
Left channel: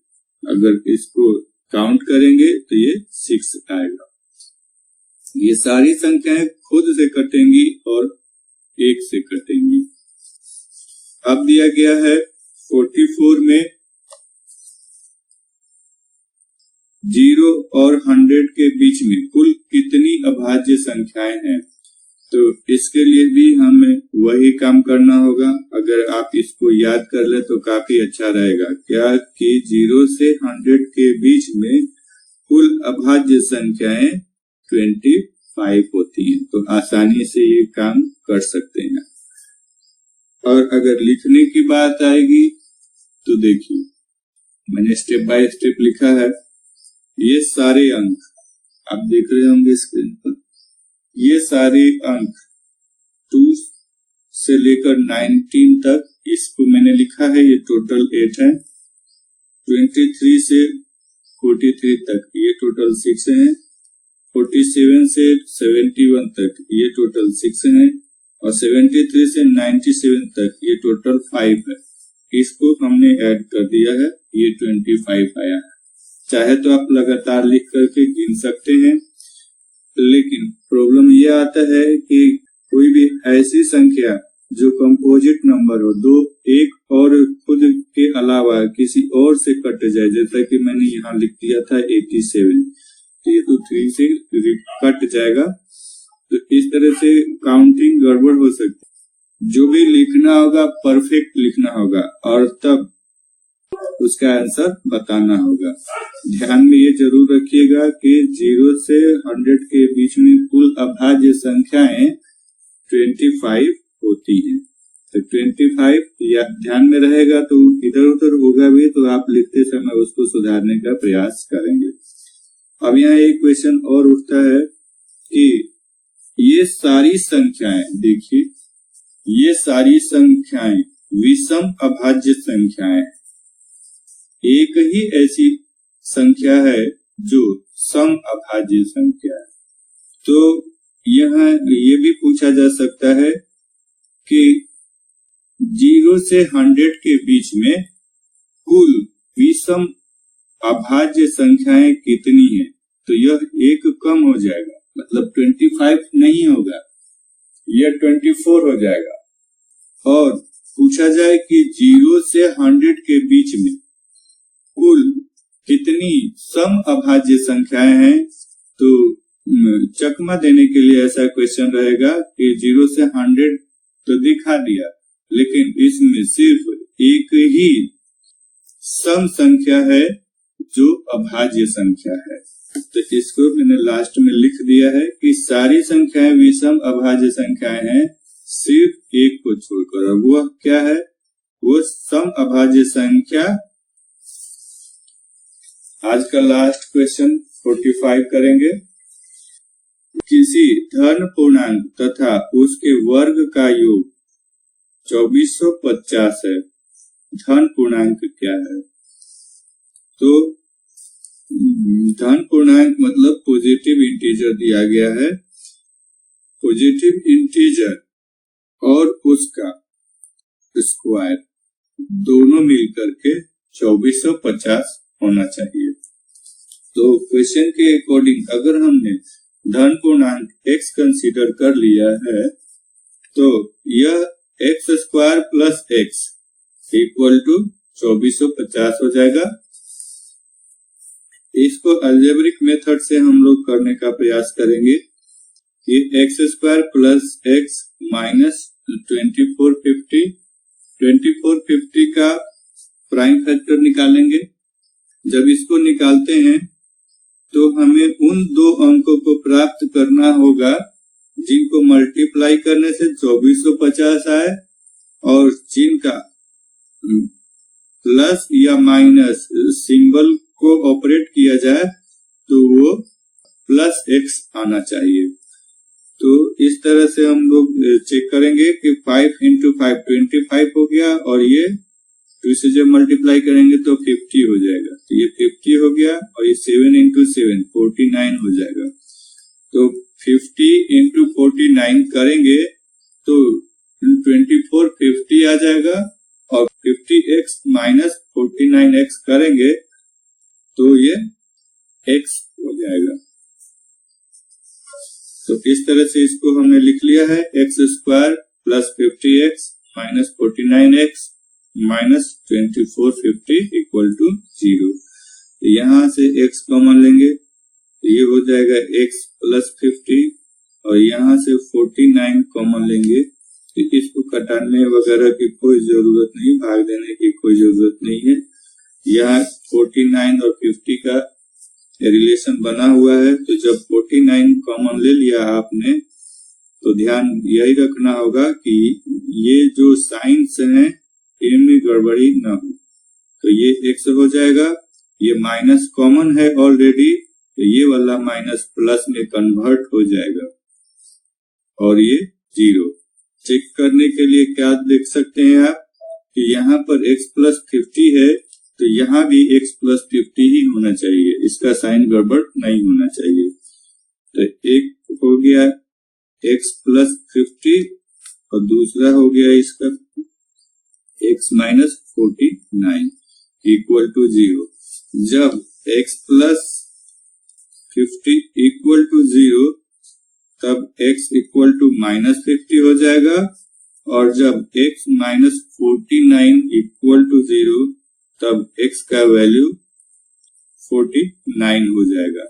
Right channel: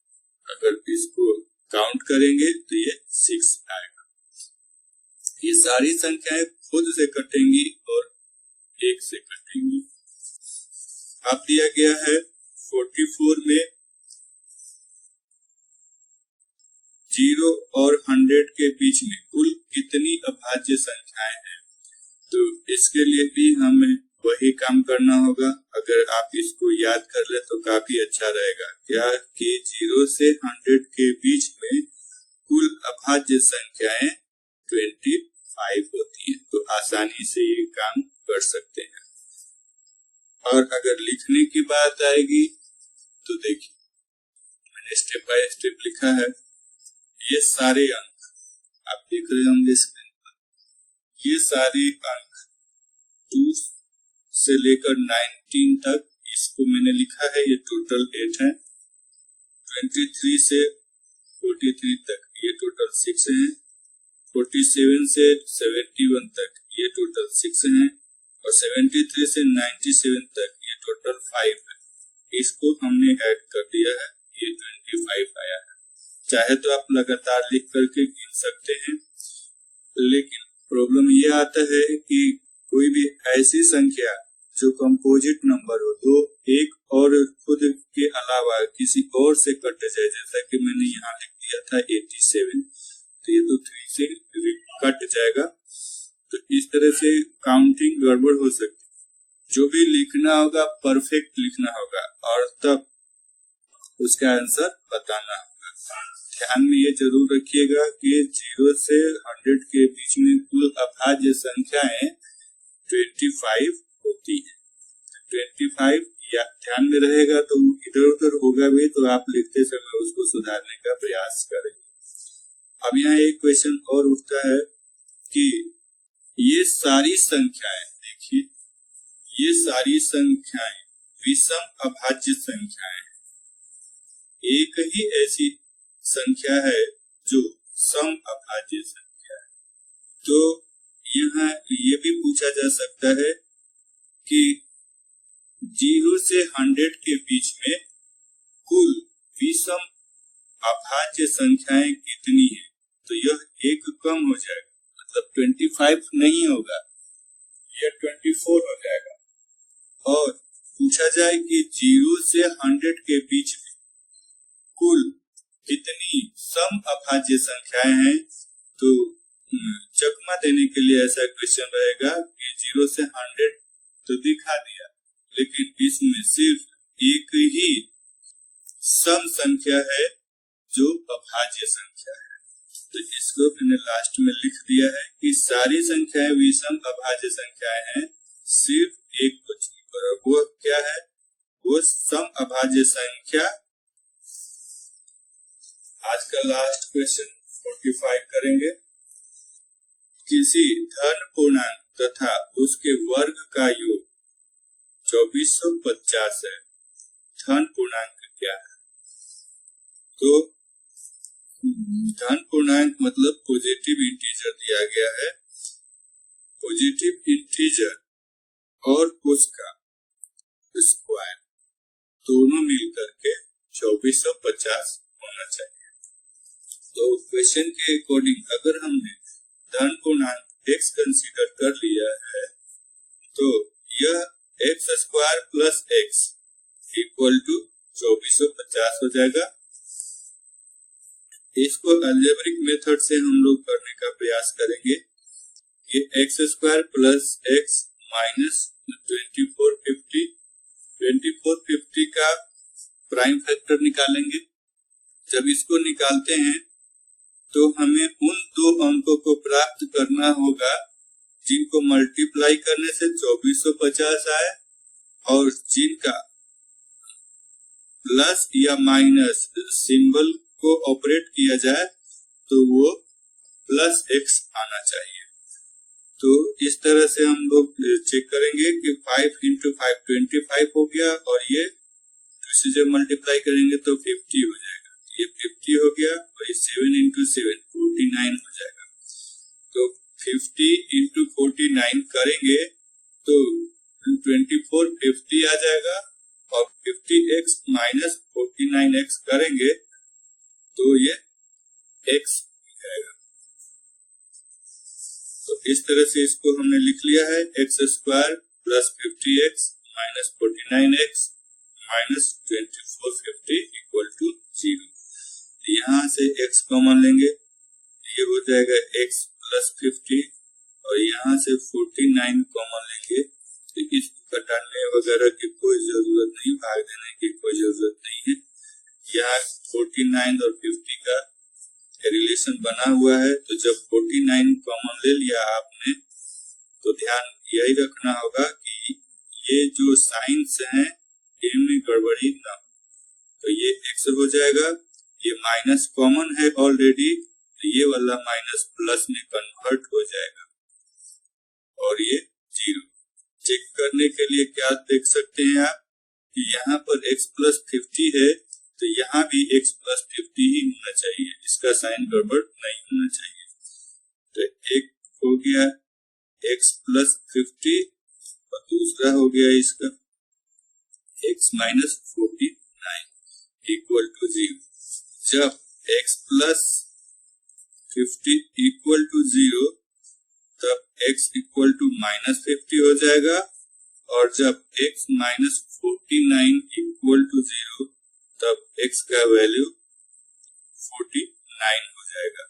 अगर इसको काउंट करेंगे तो ये 6 आएगा। ये सारी संख्याएं खुद से कटेंगी और 1 से कटेंगी। अब दिया गया है 44 में 0 और 100 के बीच में कुल कितनी अभाज्य संख्याएं हैं। तो इसके लिए भी हमें वही काम करना होगा। अगर आप इसको याद कर ले तो काफी अच्छा रहेगा। क्या कि 0 से 100 के बीच में कुल अभाज्य संख्याएं 25 होती हैं, तो आसानी से ये काम कर सकते हैं। और अगर लिखने की बात आएगी तो देखिए मैंने स्टेप बाय स्टेप लिखा है। ये सारे अंक आप देख रहे होंगे स्क्रीन पर, ये सारे अंक 2 से लेकर 19 तक इसको मैंने लिखा है, ये टोटल 8 है। 23 से 43 तक ये टोटल 6 है। 47 से 71 तक ये टोटल 6 है, और 73 से 97 तक ये टोटल 5 है। इसको हमने ऐड कर दिया है, ये 25 आया है। चाहे तो आप लगातार लिख करके गिन सकते हैं, लेकिन प्रॉब्लम ये आता है कि कोई भी ऐसी संख्या जो कंपोजिट नंबर हो, दो एक और खुद के अलावा किसी और से कट जाए, जैसा कि मैंने यहाँ लिख दिया था 87, तो ये तो 3 से कट जाएगा। तो इस तरह से काउंटिंग गड़बड़ हो सकती है। जो भी लिखना होगा परफेक्ट लिखना होगा और तब उसका आंसर बताना होगा। ध्यान में ये जरूर रखिएगा कि 0 से 100 के बीच में कुल अभाज्य संख्याएं 25 होती हैं। तो 25 या ध्यान में रहेगा तो इधर उधर होगा भी तो आप लिखते समय उसको सुधारने का प्रयास करेंगे। अब यहाँ एक क्वेश्चन और उठता है कि ये सारी संख्याएं, देखिए ये सारी संख्याएं विषम अभाज्य संख्याएं, एक ही ऐसी संख्या है जो सम अभाज्य संख्या है। तो यहाँ ये भी पूछा जा सकता है कि 0 से 100 के बीच में कुल विषम अभाज्य संख्याएं कितनी है। तो यह एक कम हो जाएगा, मतलब 25 नहीं होगा, यह 24 हो जाएगा। और पूछा जाए कि 0 से 100 के बीच में कुल कितनी सम अभाज्य संख्याएं हैं, तो चकमा देने के लिए ऐसा क्वेश्चन रहेगा कि 0 से 100 तो दिखा दिया, लेकिन इसमें सिर्फ एक ही सम संख्या है जो अभाज्य संख्या है। तो इसको मैंने लास्ट में लिख दिया है कि सारी संख्याएं विषम अभाज्य संख्याएं हैं, सिर्फ एक को छोड़कर। अब वह क्या है? वो सम अभाज्य संख्या। आज का लास्ट क्वेश्चन 45 करेंगे। किसी धन पूर्णांक तथा उसके वर्ग का योग 2450 है। धन पूर्णांक क्या है? तो धन पूर्णांक मतलब पॉजिटिव इंटीजर दिया गया है। पॉजिटिव इंटीजर और उसका स्क्वायर दोनों मिलकर के 2450 होना चाहिए। तो क्वेश्चन के अकॉर्डिंग अगर हमने धन पूर्णांक x कंसीडर कर लिया है तो यह x square plus x equal to 2450 हो जाएगा। इसको अलजेब्रिक मेथड से हम लोग करने का प्रयास करेंगे कि x square plus x minus 2450 का प्राइम फैक्टर निकालेंगे। जब इसको निकालते हैं तो हमें उन दो अंकों को प्राप्त करना होगा जिनको मल्टीप्लाई करने से 2450 आए और जिनका प्लस या माइनस सिंबल को ऑपरेट किया जाए तो वो प्लस x आना चाहिए। तो इस तरह से हम लोग चेक करेंगे कि 5 into 5 25 हो गया और ये 2 से जब मल्टीप्लाई करेंगे तो 50 हो जाएगा। तो ये 50 हो गया और ये 7 into 7 49 हो जाएगा। तो 50 into 49 करेंगे तो 2450 आ जाएगा और 50x माइनस 49x करेंगे तो ये x हो जाएगा। तो इस तरह से इसको हमने लिख लिया है x square plus 50x minus 49x minus 2450 equal to 0। तो यहाँ से x कॉमन लेंगे तो ये हो जाएगा x प्लस 50 और यहाँ से 49 कॉमन लेंगे तो इसको घटाने वगैरह की कोई जरूरत नहीं, भाग देने की कोई जरूरत नहीं है। यहाँ 49 और 50 का रिलेशन बना हुआ है। तो जब 49 कॉमन ले लिया आपने तो ध्यान यही रखना होगा कि ये जो साइंस हैं इनमें गड़बड़ी ना हो। तो ये x हो जाएगा, ये माइनस कॉमन है ऑलरेडी तो ये वाला माइनस प्लस में कन्वर्ट हो जाएगा और ये 0। चेक करने के लिए क्या देख सकते हैं आप कि यहाँ पर x प्लस 50 है तो यहाँ भी x प्लस 50 ही होना चाहिए, इसका साइन गड़बड़ नहीं होना चाहिए। तो एक हो गया x प्लस 50 और दूसरा हो गया इसका x माइनस 49 इक्वल टू 0। जब x प्लस 50 इक्वल टू 0 तब x इक्वल टू माइनस 50 हो जाएगा और जब x माइनस 49 इक्वल टू 0 तब x का वैल्यू 49 हो जाएगा।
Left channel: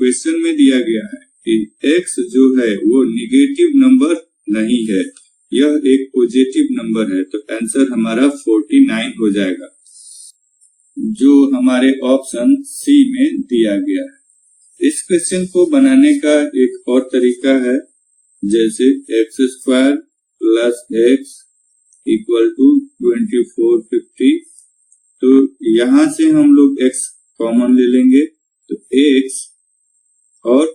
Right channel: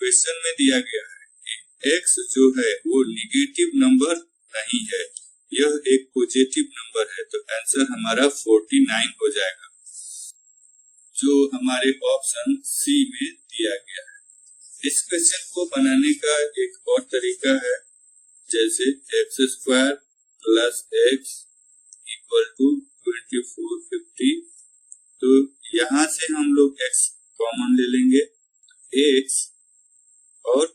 क्वेश्चन में दिया गया है कि x जो है वो निगेटिव नंबर नहीं है, यह एक पॉजिटिव नंबर है। तो आंसर हमारा 49 हो जाएगा जो हमारे ऑप्शन सी में दिया गया है। इस क्वेश्चन को बनाने का एक और तरीका है, जैसे x square plus x equal to 2450। तो यहाँ से हम लोग x कॉमन ले लेंगे तो x और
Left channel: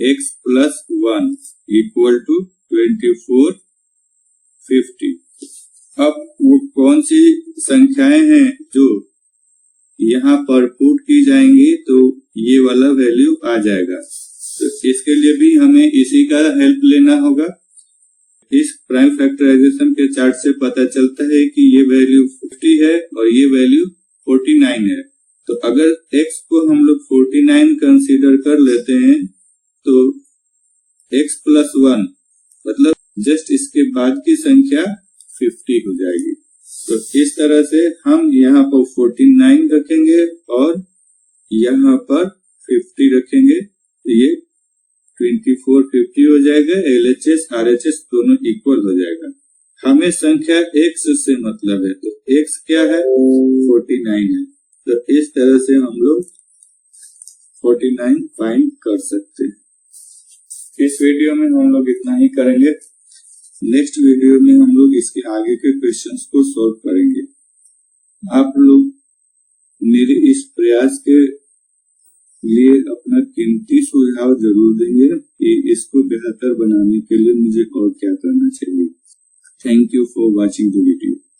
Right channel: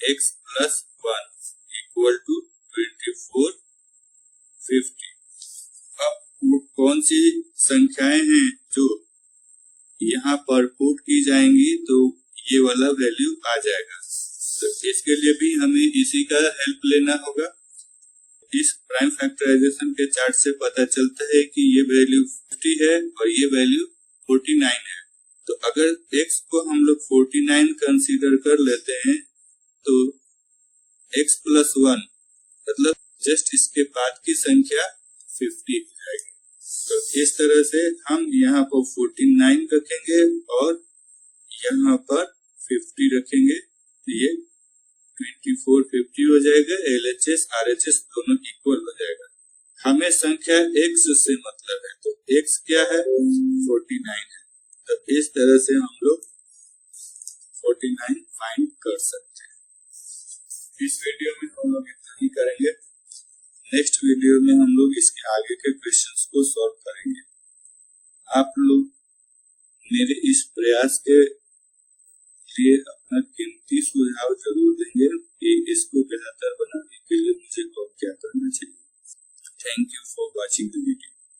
x प्लस 1 इक्वल टू 2450। अब वो कौन सी संख्याएं हैं जो यहाँ पर पुट की जाएंगी तो ये वाला वैल्यू आ जाएगा। तो इसके लिए भी हमें इसी का हेल्प लेना होगा। इस प्राइम फैक्टराइजेशन के चार्ट से पता चलता है कि ये वैल्यू 50 है और ये वैल्यू 49 है। तो अगर x को हम लोग 49 कंसीडर कर लेते हैं तो x प्लस 1 मतलब जस्ट इसके बाद की संख्या 50 हो जाएगी। तो इस तरह से हम यहाँ पर 49 रखेंगे और यहाँ पर 50 रखेंगे तो ये जाएगा, LHS RHS दोनों इक्वल हो जाएगा। हमें संख्या x से मतलब है, तो x क्या है 49 है, तो इस तरह से हम लोग 49 फाइंड कर सकते हैं। इस वीडियो में हम लोग इतना ही करेंगे। नेक्स्ट वीडियो में हम लोग इसके आगे के क्वेश्चंस को सॉल्व करेंगे। आप लोग मेरे इस प्रयास के लिए अपना कीमती सुझाव जरूर देंगे कि इसको बेहतर बनाने के लिए मुझे और क्या करना चाहिए। Thank you for watching the video.